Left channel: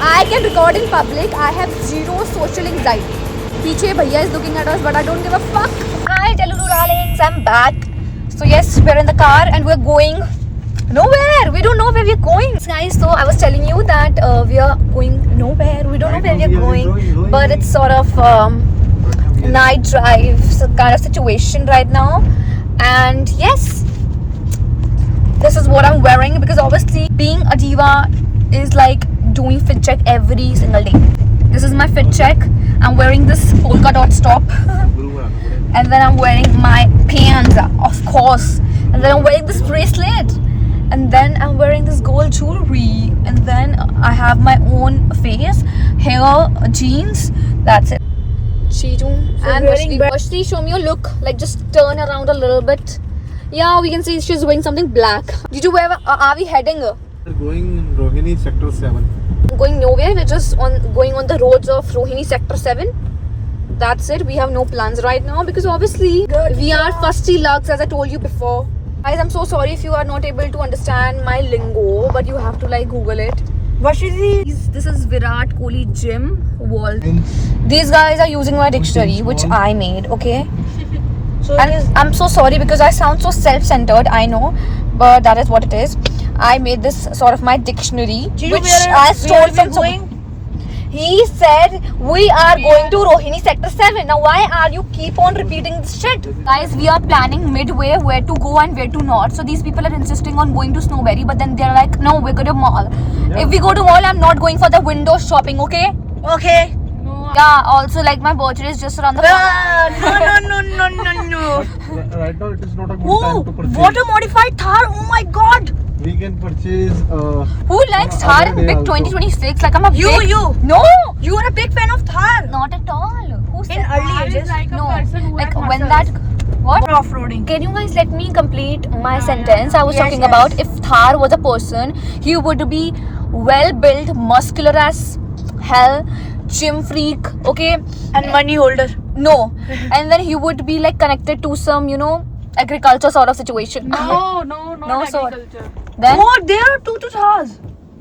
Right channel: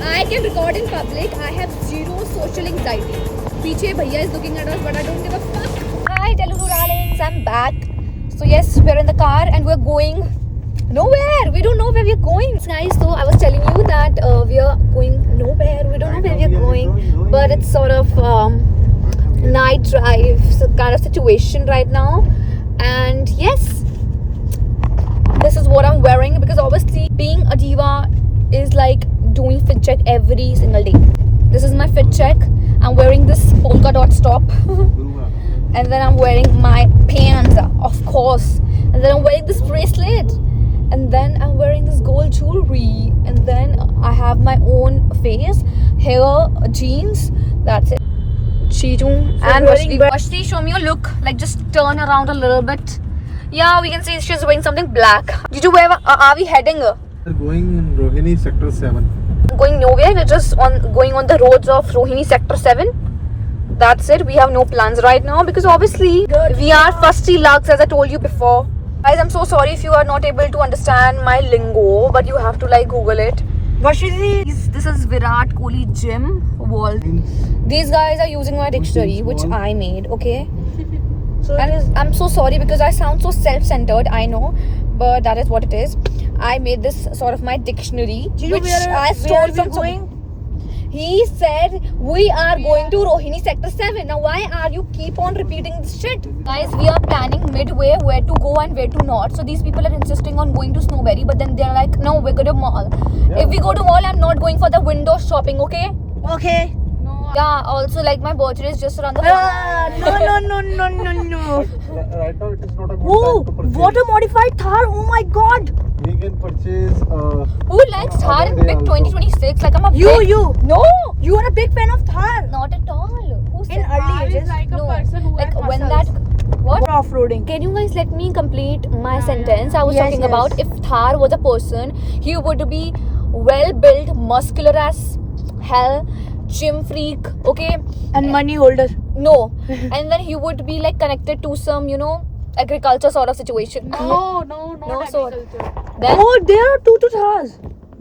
I can record in public. I have zero social anxiety. पीछे भैया is looking at us, but I don't give a fuck. Hi, Telugu darlings, I'm back. So yes, we're in the car and we're going nowhere. We don't know where we're going, guys. So I was telling you that we are going nowhere. We don't know where we're going, but it's sort of night drive kind of situation right now. And yes, this is what I'm wearing because obviously being a diva is like doing fit check every single day. This is my fit check. I'm wearing this polka dot top and then I'm wearing my pants, of course, and then I'm wearing this bracelet and then I'm wearing this gold jewelry and then I have my own face, hair, jeans. That's it. Chidu and Vashti, show me your look. Like just turn around a little bit. Yeah, we can see she's wearing something black. Chidu, where are we heading? We're going in Rohini Sector 7. Going nowhere. We're just going on the roads of Rohini Sector 7. That's it. We have no plans right now because obviously we are fusty lugs, as I told you before. Guys, I'm so sorry if you are not able to understand my lingo, but you have to like Google it. What is this? This is Virat Kohli gym wall. These guys are using my dictionary, which I made. Okay. So and I'm so sorry because I sound so self-centered. I know, but that is what it is. I made this sort of my dictionary, which I stole from someone. He said we are going to Rohini Sector 7. Now why are you keep on repeating this shit? Guys, we are planning midway where to go and where to not. So these people are insisting on going to Snowberry, but then they're like, no, we're going to mall. Yeah. If we go to mall, I'm not going for the window shopping, okay? Okay. No. Yeah, also like my birthday is just around the corner. No. Right now it is not a good time to purchase. What a modified Thar! Oh my god! We can purchase. Who likes Thar in big 2026? Like I'm a big... You! No! You are a big fan of Thar! Not at all. Who said in early ages? Like no. Like when that... What? Off-roading. Can you guys let me complete my sentence? I was talking about if Thar was a person, he would be well-built, muscular as hell, gym freak, okay? And money holder. No. And then he would be like connected to some, you know, agriculture sort of situation. No, not so agriculture. Then Oh, there are two Thars.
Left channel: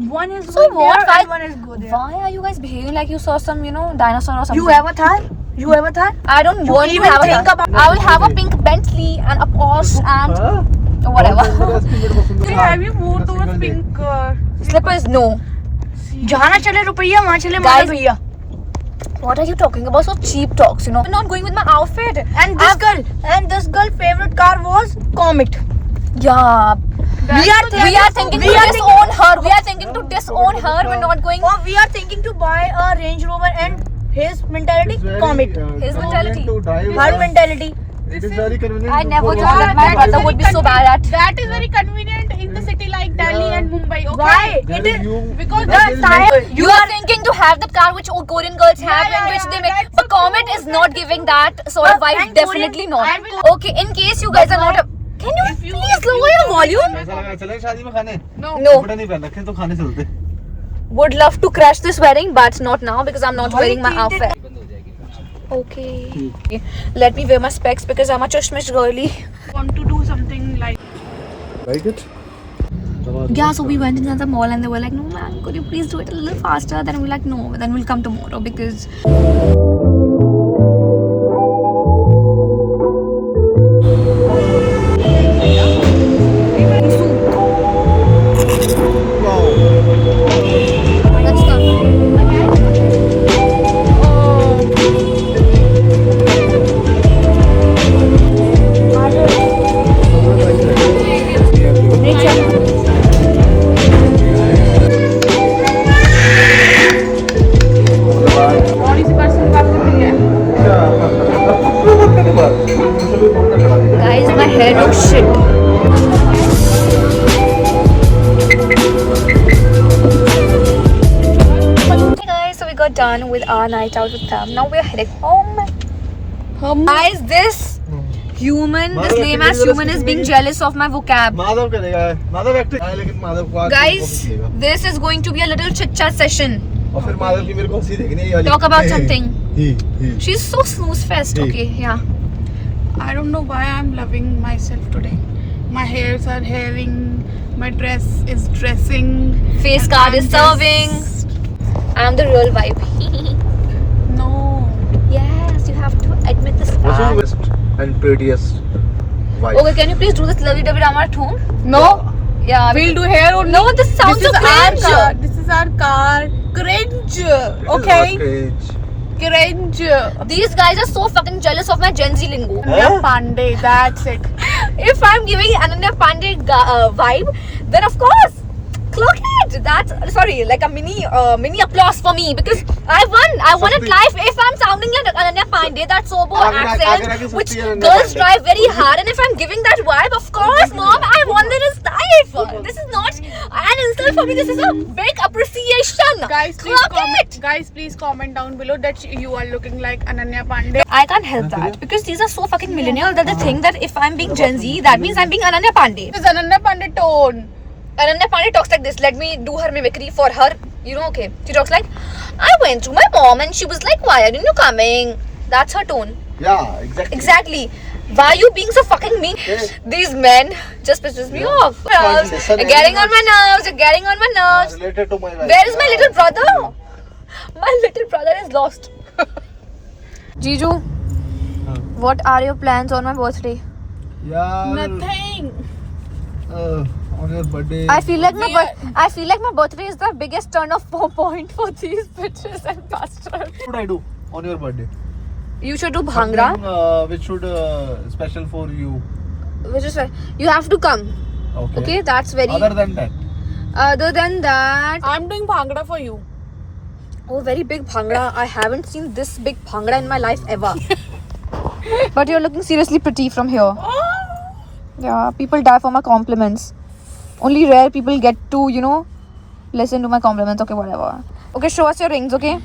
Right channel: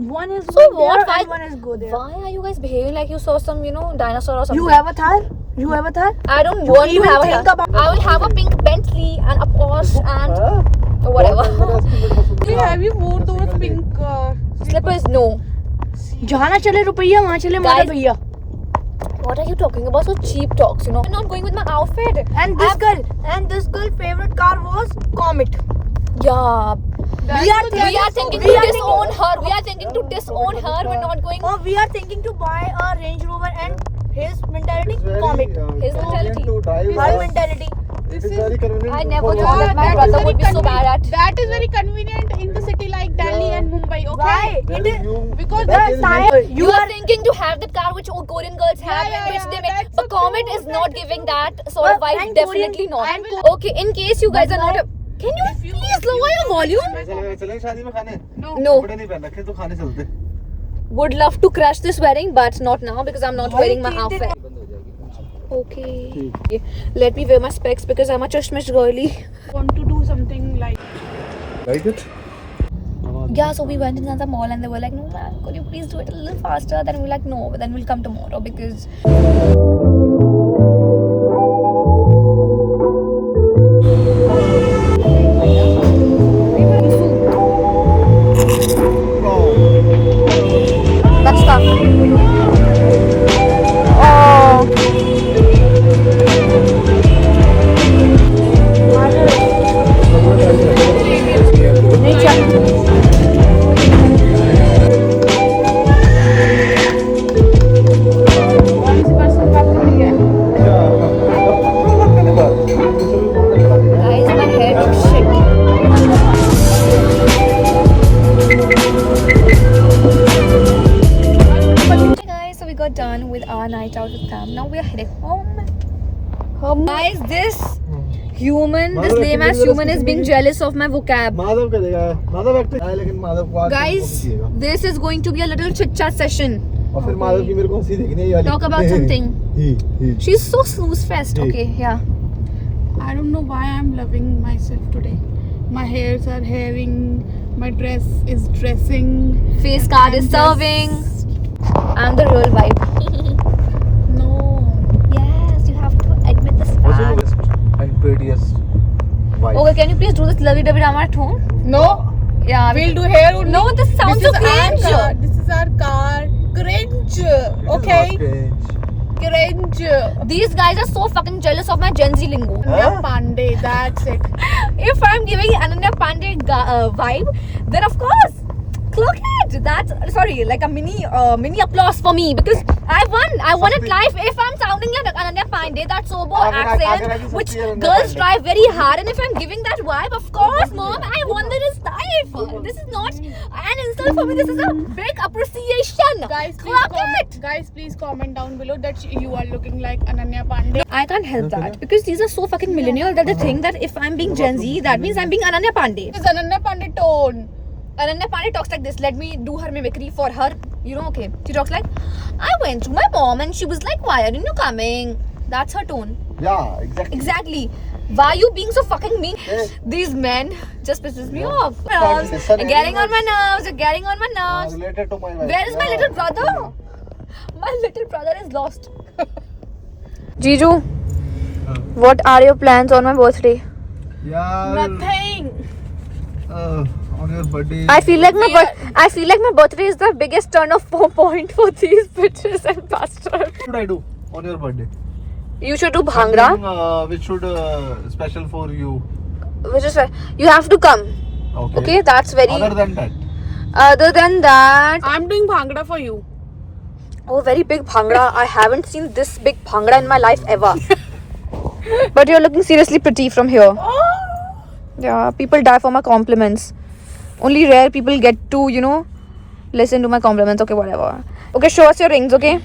One is so go what? there and one is go there. Why are you guys behaving like you saw some, you know, dinosaur or something? You have a Thar? You have a Thar? I don't want to have a Thar. I will have a pink Bentley and a Porsche and whatever. Have you moved towards pink Slippers? No. जहाँ चले रुपया वहाँ चले माता भैया. What are you talking about? So cheap talks, you know. I'm not going with my outfit. And this girl favorite car was Comet. Yeah. We are thinking to disown her. We are thinking to disown her. We're not going. Oh, we are thinking to buy a Range Rover and his mentality Comet. His mentality. Her mentality. It is very convenient. I never thought that my brother would be so bad at. That is very convenient in the city like Delhi and Mumbai. Okay? Why? It is Because You are thinking to have the car which all Korean girls have and which they make. But Comet is not giving that sort of vibe. Definitely not. Okay, in case you guys are not a... Can you please lower your volume? ऐसा लगा चलें शादी में खाने? No. कपड़े नहीं पहन रखे तो खाने चलते. Would love to crash this wedding, but not now because I'm not wearing my outfit. Okay. Let me wear my specs because I'm a chashmish girly. Want to do something like Like it? Yeah, so we went inside the mall and they were like, no man, could you please do it a little faster? Then we're like, no, then we'll come tomorrow because... Let's come. Oh. Guys, my hair looks shit. Hey guys, so we got done with our night out with them. Now we're heading home. Guys, this human, this lame ass human is being jealous of my vocab. Madhav करेगा. Madhav acting है लेकिन माधव को Guys, this is going to be a little chit chat session. और फिर माधव की मेरे को हंसी देखनी है. Talk about something. He. She's so snooze fest. Okay, yeah. I don't know why I'm loving myself today. My hairs are hairing, my dress is dressing. Face card is I'm serving. just I'm the real vibe. No. Yes, you have to admit this fact. Best and prettiest wife. Okay, can you please do this lovey dovey drama at home? No. Yeah. We'll do here only. No, this sounds This so is our cringe. car. This is our car. Cringe. It is Okay. not cringe. Cringe. These guys are so fucking jealous of my Gen Z lingo. Ananya Pandey. That's it. If I'm giving Ananya Pandey vibe, then of course, clock it. That's sorry, like a mini applause for me because I won. I won at life. If I'm sounding like Ananya Pandey, that sobo accent, which girls drive very hard, and if I'm giving that vibe, of course, mom, I won this life. This is not an insult for me. This is a big appreciation. Guys, please Clock comment. it. Guys, please comment down below that you are looking like Ananya Pandey. I can't help that because these are so fucking millennial that they think that if I'm being Gen Z, that means I'm being Ananya Pandey. This is Ananya Pandey tone. Ananya Pandey talks like this. Let me do her mimicry for her. You know, okay. She talks like, I went to my mom and she was like, why aren't you coming? That's her tone. Yeah, exactly. Exactly. Why are you being so fucking mean? These men just pisses me off. You're getting on my nerves. You're getting on my nerves. Related to my wife. Where is my little brother? My little brother is lost. Jiju, what are your plans on my birthday? Yeah. Nothing. On your birthday. I feel like my birthday is the biggest turn off point for these bitches and bastards. What should I do on your birthday? You should do bhangra, Something, which should special for you. which is you have to come. Okay. Okay, that's very. Other than that. Other than that, I'm doing bhangra for you. oh, very big bhangra. I haven't seen this big bhangra in my life ever. But you're looking seriously pretty from here. Oh. Yeah, people die for my compliments. Only rare people get to, listen to my compliments. Okay, whatever. Okay, show us your rings, okay?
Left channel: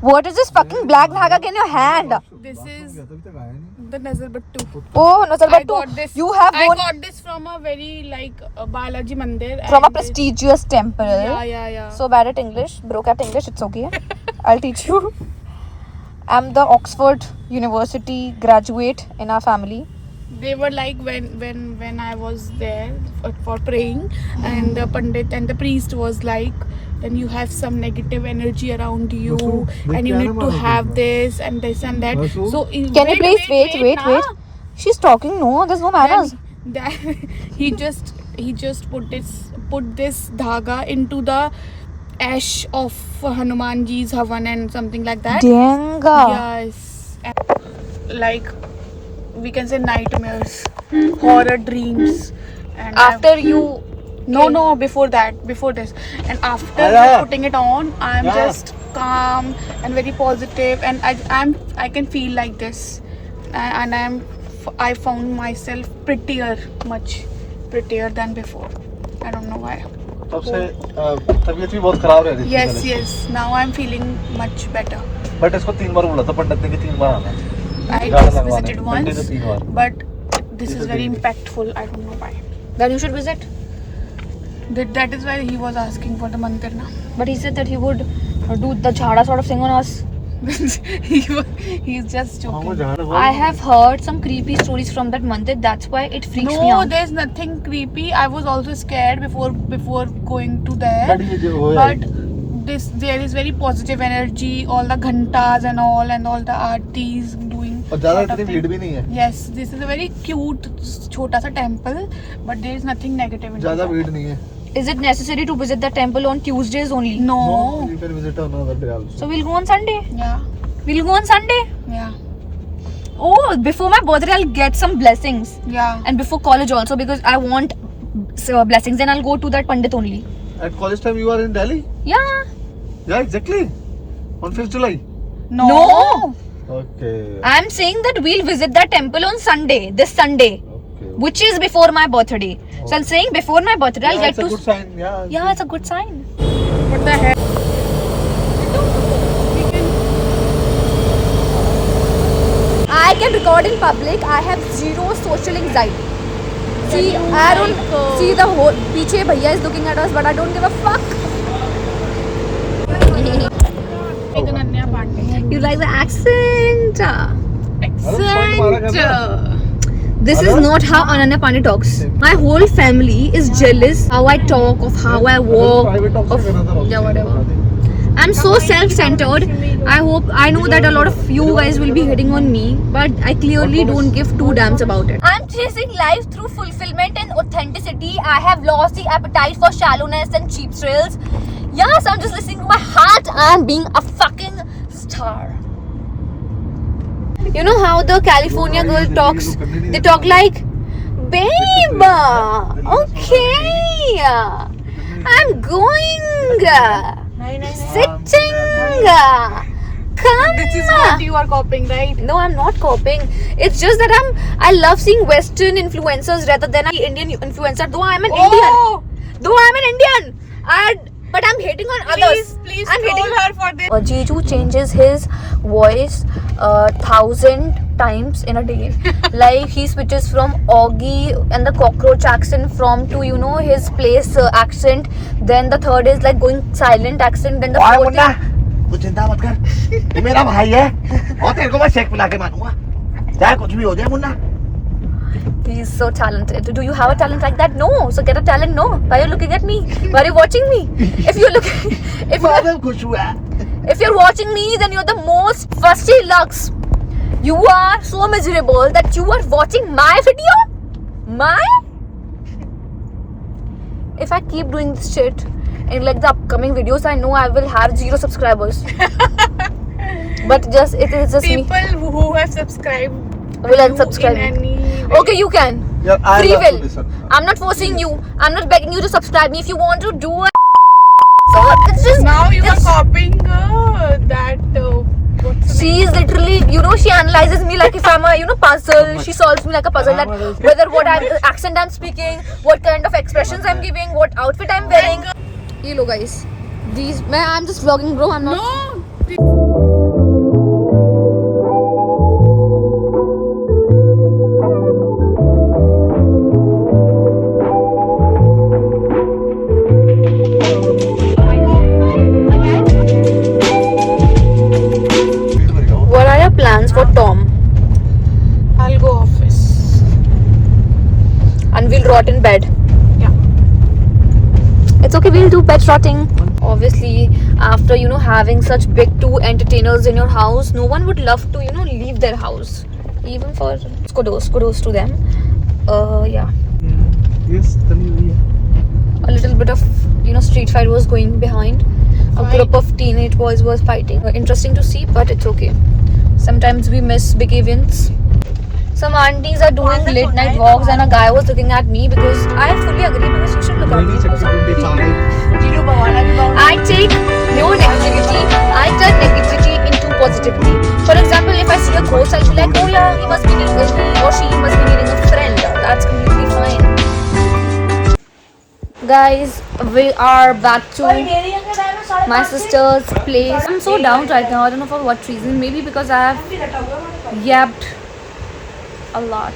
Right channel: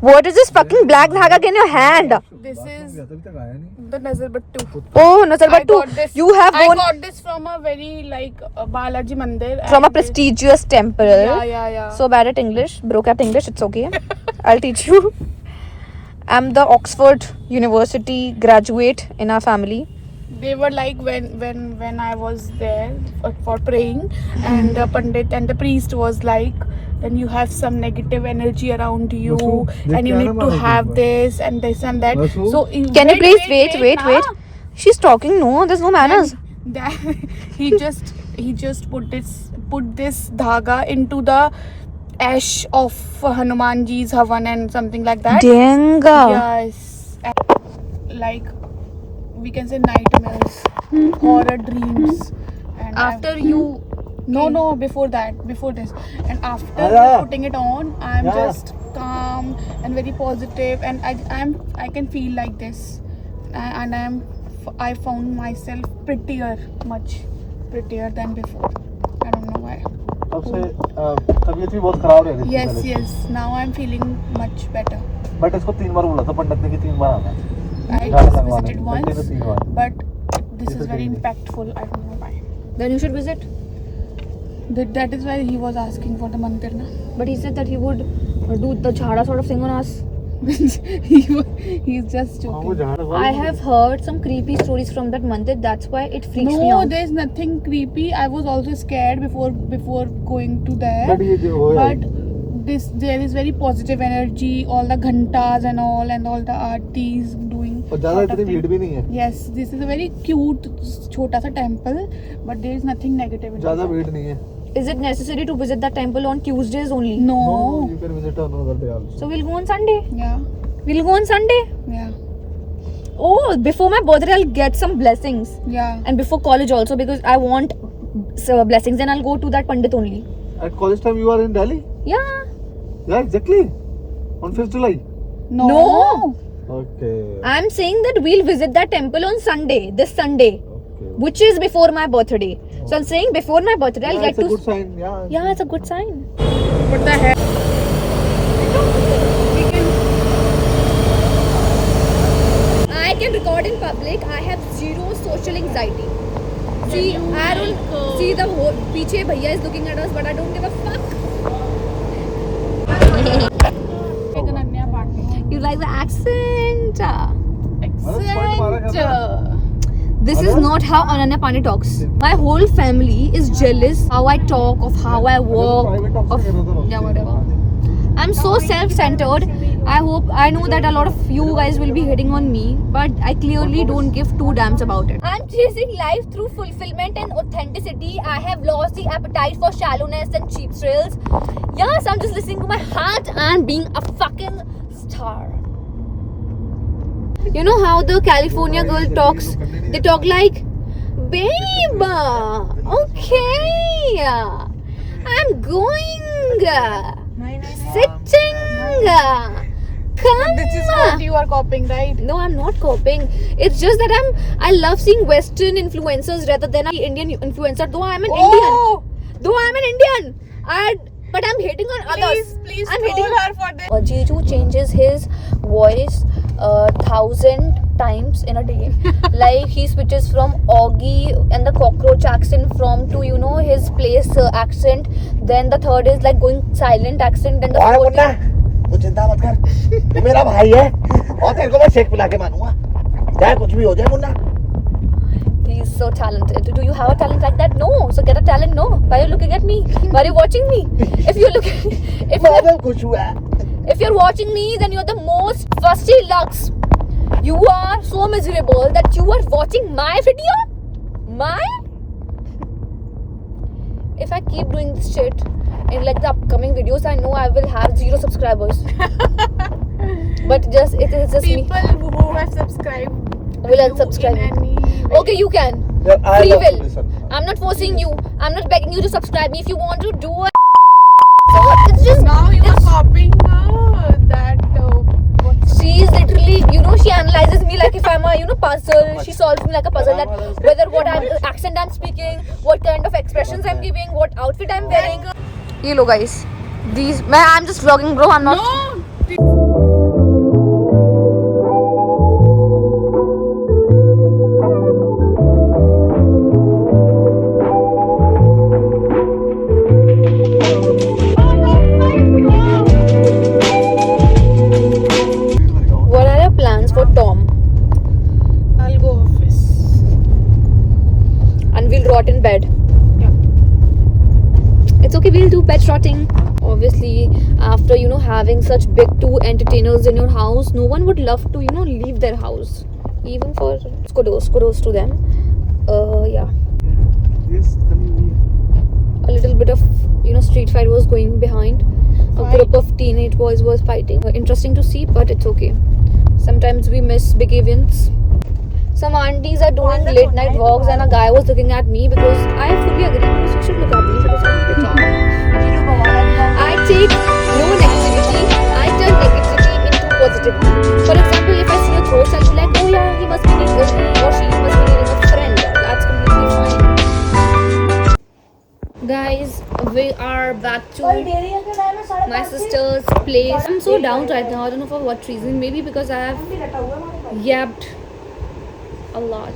What is this fucking black dhaga in your hand? This is अभी तक आया नहीं. the Nazar Battu. Oh, Nazar I Battu. got this. You have I won got this from a very Balaji Mandir. from a and- prestigious temple. Yeah. So bad at English, broke at English, it's okay. I'll teach you. I'm the Oxford University graduate in our family. They were like when I was there for praying, and the Pandit and the priest was like, then you have some negative energy around you, Vasu, and you they need to care have about this and this and that. Vasu? So Can you please wait? na? She's talking, no, there's no manners. Then he just put this dhaga into the ash of Hanumanji's Havan and something like that. Danga. Yes. And, like we can say nightmares, horror dreams. And After you. no, before this, and after just putting it on, I'm just calm and very positive, and I can feel like this, and I found myself much prettier than before. I don't know why. सबसे तबीयत भी बहुत खराब है. Yes. Now I'm feeling much better. But इसको 3 बार बोला था पंडित ने कि 3 बार आना. I just visited once, but this is very impactful. I don't know why. Then you should visit. That is why he was asking for the mandir now. But he said that he would do the chhada sort of thing on us. He's just joking. I have heard some creepy stories from that mandir. That's why it freaks me No, out. there's nothing creepy. I was also scared before going to there. But ये जो है But there is very positive energy. All the ghantas and all the aartis doing. और ज्यादा lot of इतनी things. भीड़ भी नहीं है. Yes, this is a very cute, छोटा सा temple, but there is nothing negative in ज्यादा it. भीड़ नहीं है. Is it necessary to visit the temple on Tuesdays only? No. No, you can visit on another day also. So we'll go on Sunday. Yeah. We'll go on Sunday. Yeah. Oh, before my birthday, I'll get some blessings. Yeah. And before college also, because I want blessings. Then I'll go to that Pandit only. At college time you are in Delhi? Yeah. Yeah, exactly. On 5th July. No. Okay. I'm saying that we'll visit that temple on Sunday. This Sunday. Okay. Which is before my birthday. So I'm saying before my birthday, I'll Yeah, get it's a to. good sign. Yeah. Yeah, it's a good sign. What the heck? We can. I can record in public. I have zero social anxiety. See, I don't see the whole. Piche bhaiya is looking at us, but I don't give a fuck. Like Ananya Pandey. You like the accent? Accent. This is not how Ananya Pandey talks. My whole family is jealous how I talk, of how I Private walk, talks of with another also. yeah, whatever. I'm so self-centered. I know that a lot of you guys will be hitting on me, but I clearly don't give two damns about it. I'm chasing life through fulfillment and authenticity. I have lost the appetite for shallowness and cheap thrills. Yes, I'm just listening to my heart and being a fucking star. You know how the California girl talks? They talk like, babe, okay, I'm going, sitting, come. This is what you are copying, right? No, I'm not copying. It's just that I love seeing Western influencers rather than an Indian influencer. Though I'm an Indian, but I'm hating on others. Please I'm troll hating. her for this. Jiju changes his voice 1,000 times in a day. Like he switches from Augie and the cockroach accent to his place accent. Then the third is like going silent accent. Then the fourth is तू चिंता मत कर, ये मेरा भाई है और तेरे को मैं शेक पिला के मानूंगा, चाहे कुछ भी हो जाए Munna. he's so talented. Do you have a talent like that? No. So get a talent. No. Why are you looking at me? Why are you watching me? If you're watching me, then you're the most fusty lux. You are so miserable that you are watching my video. If I keep doing this shit in like the upcoming videos, I know I will have 0 subscribers. But it is just People me. who have subscribed Will unsubscribe. in any way. Okay, you can. Yeah, I Free have to will. listen. I'm not forcing you. I'm not begging you to subscribe me. If you want to do it, so it's just Now you are just- copying that. What's She is literally, she analyzes me like if I'm a, puzzle. She solves me like a puzzle. That whether what accent I'm speaking, what kind of expressions I'm giving, what outfit I'm wearing. Hello guys, I'm just vlogging, bro. I'm not. No. What are your plans for Tom? I'll go office. And we'll rot in bed. Yeah. It's okay, we'll do bed rotting. Obviously, after having such big 2 entertainers in your house, no one would love to leave their house. Even for kudos to them. Yeah. Yes, then A little bit of street fight was going behind. A group of teenage boys was fighting. Interesting to see, but it's okay. Sometimes we miss big events. Some aunties are doing late night walks, and a guy was looking at me because I fully agree because you should look at me. I take no negativity. I turn negativity into positivity. For example, if I see a ghost, I'll be like, oh yeah, he must be needing or she must be needing a friend. That's completely fine. Guys, we are back to my sister's place. I'm so down right now. I don't know for what reason. Maybe because I have yapped a lot.